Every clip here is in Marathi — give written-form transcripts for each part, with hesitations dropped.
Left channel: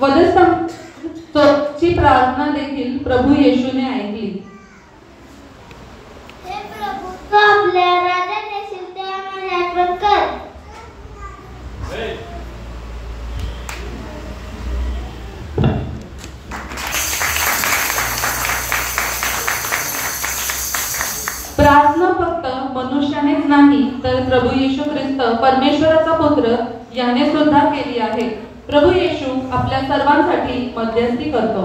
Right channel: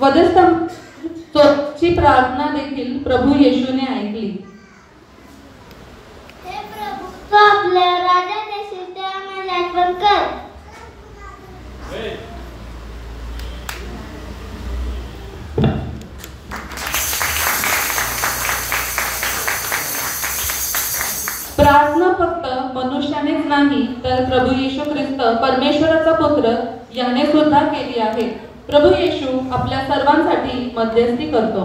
वधस्तंभाची प्रार्थना देखील प्रभू येशूने ऐकली. हे प्रभू, तू आपल्या राज्यात येशील ते आम्हाला आठवण कर. प्रार्थना फक्त मनुष्यानेच नाही तर प्रभू येशू ख्रिस्त परमेश्वराचा पुत्र याने सुद्धा केली आहे. प्रभू येशू आपल्या सर्वांसाठी मध्यस्थी करतो.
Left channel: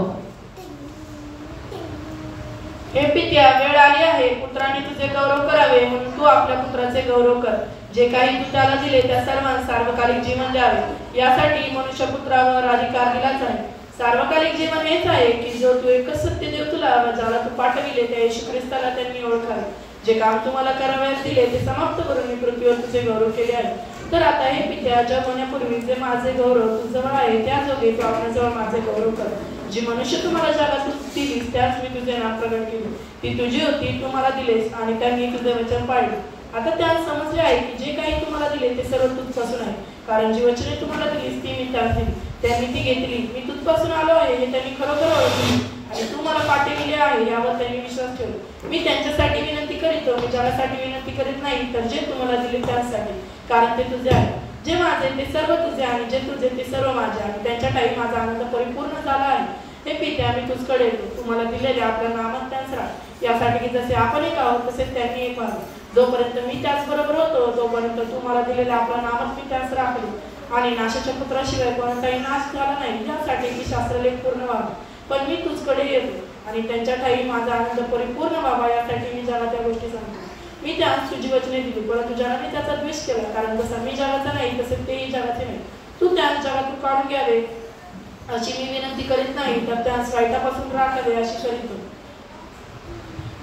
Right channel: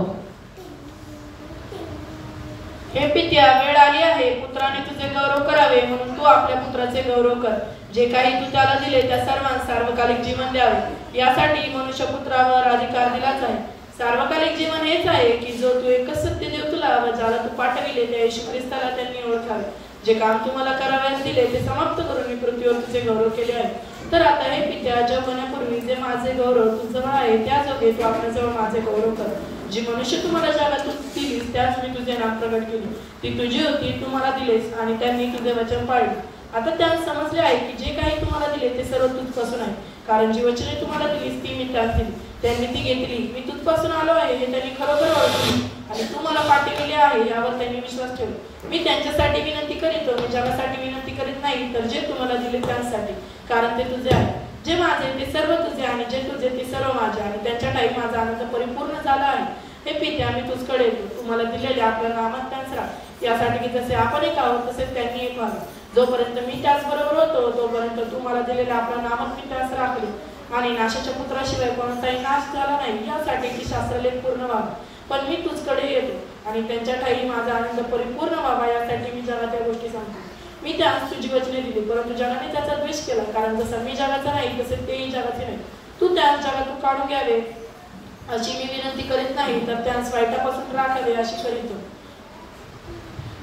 हे पित्या, वेळ आली आहे, पुत्राने तुझे गौरव करावे म्हणून तू आपल्या पुत्राचे गौरव कर. जे काही तू त्याला दिले त्या सर्वांना सार्वकालिक जीवन द्यावे, यासाठी मनुष्यपुत्रावर अधिकार दिलाच आहे. सार्वकालिक जीवन हेच आहे की जो तू एकच सत्य देव तुला व ज्याला तू पाठविले त्या येशू ख्रिस्ताला त्यांनी ओळखावे. जे काम तुम्हाला करावयास दिले ते समाप्त करून मी पृथ्वीवर तुझे गौरव केले आहे. तर आता हे पित्या, जग होण्यापूर्वी जे माझे गौरव तुझजवळ आहे त्या जोगे तू आपल्याजवळ माझे गौरव कर. जी मनुष्य तुम्हाला जगात दिलीस त्याच मी तुझे नाम प्रगट केले. ती तुझी होती, तू मला दिलेस आणि त्यांनी तुझे वचन पाळले. आता त्यांना समजले आहे की जे काही तुम्हाला दिले ते सर्व तुझपासून आहे, कारण जी वचने तुम्हाला दिलीस ती मी त्यास दिली. त्यांनी ती घेतली. मी तुझपासून आलो आहे हे त्यांनी खरोखर ओळखले आणि तू मला पाठविले आहे यावर त्यांनी विश्वास ठेवला. मी त्यांच्यासाठी विनंती करीतो, मी जगासाठी विनंती करीत नाही तर जे तुम्हाला दिले त्यासाठी, कारण ते तुझे आहे. जे माझे ते सर्व तुझे आणि जे तुझे ते सर्व माझे आणि त्यांच्या ठाई माझा आनंद परिपूर्ण झाला आहे. हे पित्या, मी तुझकडे येतो. तुम्हाला दिलेले आपल्या नामात त्यांच राहा, यासाठी की जसे आपण एक आहोत तसेच त्यांनी एक व्हावे. जोपर्यंत मी त्याचबरोबर होतो तोपर्यंत तू मला दिलेल्या आपल्या नामात मी त्यास राखले आणि नाशाच्या पुत्राशिवाय कोणताही नाश झाला नाही, यासाठी की शास्त्रलेख पूर्ण व्हावा. पण मी तुझकडे येतो आणि त्यांच्या ठाई माझा आनंद परिपूर्ण व्हावा, यासाठी मी जगात त्या गोष्टी सांगतो. मी त्यास तुझी वचने दिली, परंतु जगाने त्याचा द्वेष केला, कारण जसा मी जगाचा नाही तसे तेही जगाचे नाही. तू त्यास जगातून काढून घ्यावे अशी मी विनंती करीत नाही, तर त्यास वाईटापासून राखावे अशी करीतो.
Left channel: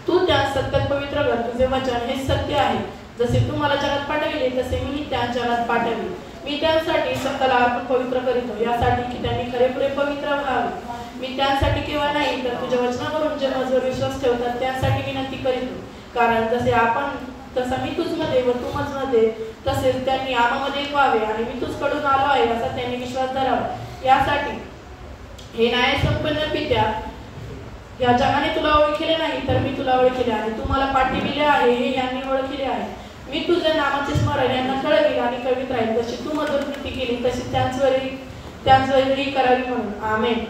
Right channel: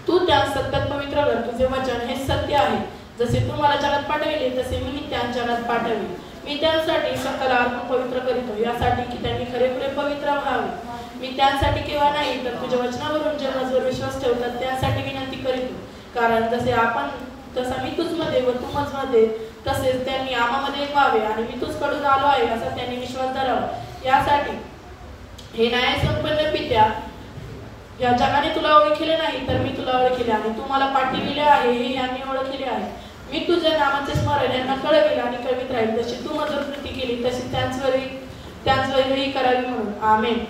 तू त्यास सत्यात पवित्र कर. तुझे वचन हे सत्य आहे. जसे तू मला जगात पाठविले तसे मीही त्यास जगात पाठवले. मी त्यांसाठी सकल अर्पण पवित्र करीतो, यासाठी की त्यांनी खरेखुरे पवित्र व्हावे. मी त्यांसाठी केव्हा नाही तर तुझ्या वचनावरून जे माझ्यावर विश्वास ठेवतात त्यासाठी विनंती करीतो. कारण जसे आपण तसा मी तुझमध्ये व तू माझमध्ये तसेच त्यांनी आम्हामध्ये एक व्हावे आणि मी तुझकडून आलो आहे असा त्यांनी विश्वास धरावा. यासाठी हे न्यायसंपन्न पित्या, या जगाने तुला ओळखले नाही तर मी तुला ओळखले आणि तू मला पाठविले आहे हे यांनी ओळखले आहे. मी तुझ्या नामाचे स्मरण यांना कळविल आणि कळवित राहील. जशी तू मधुर कृती केली तशी त्यांचवरही करावी म्हणून. आमेन.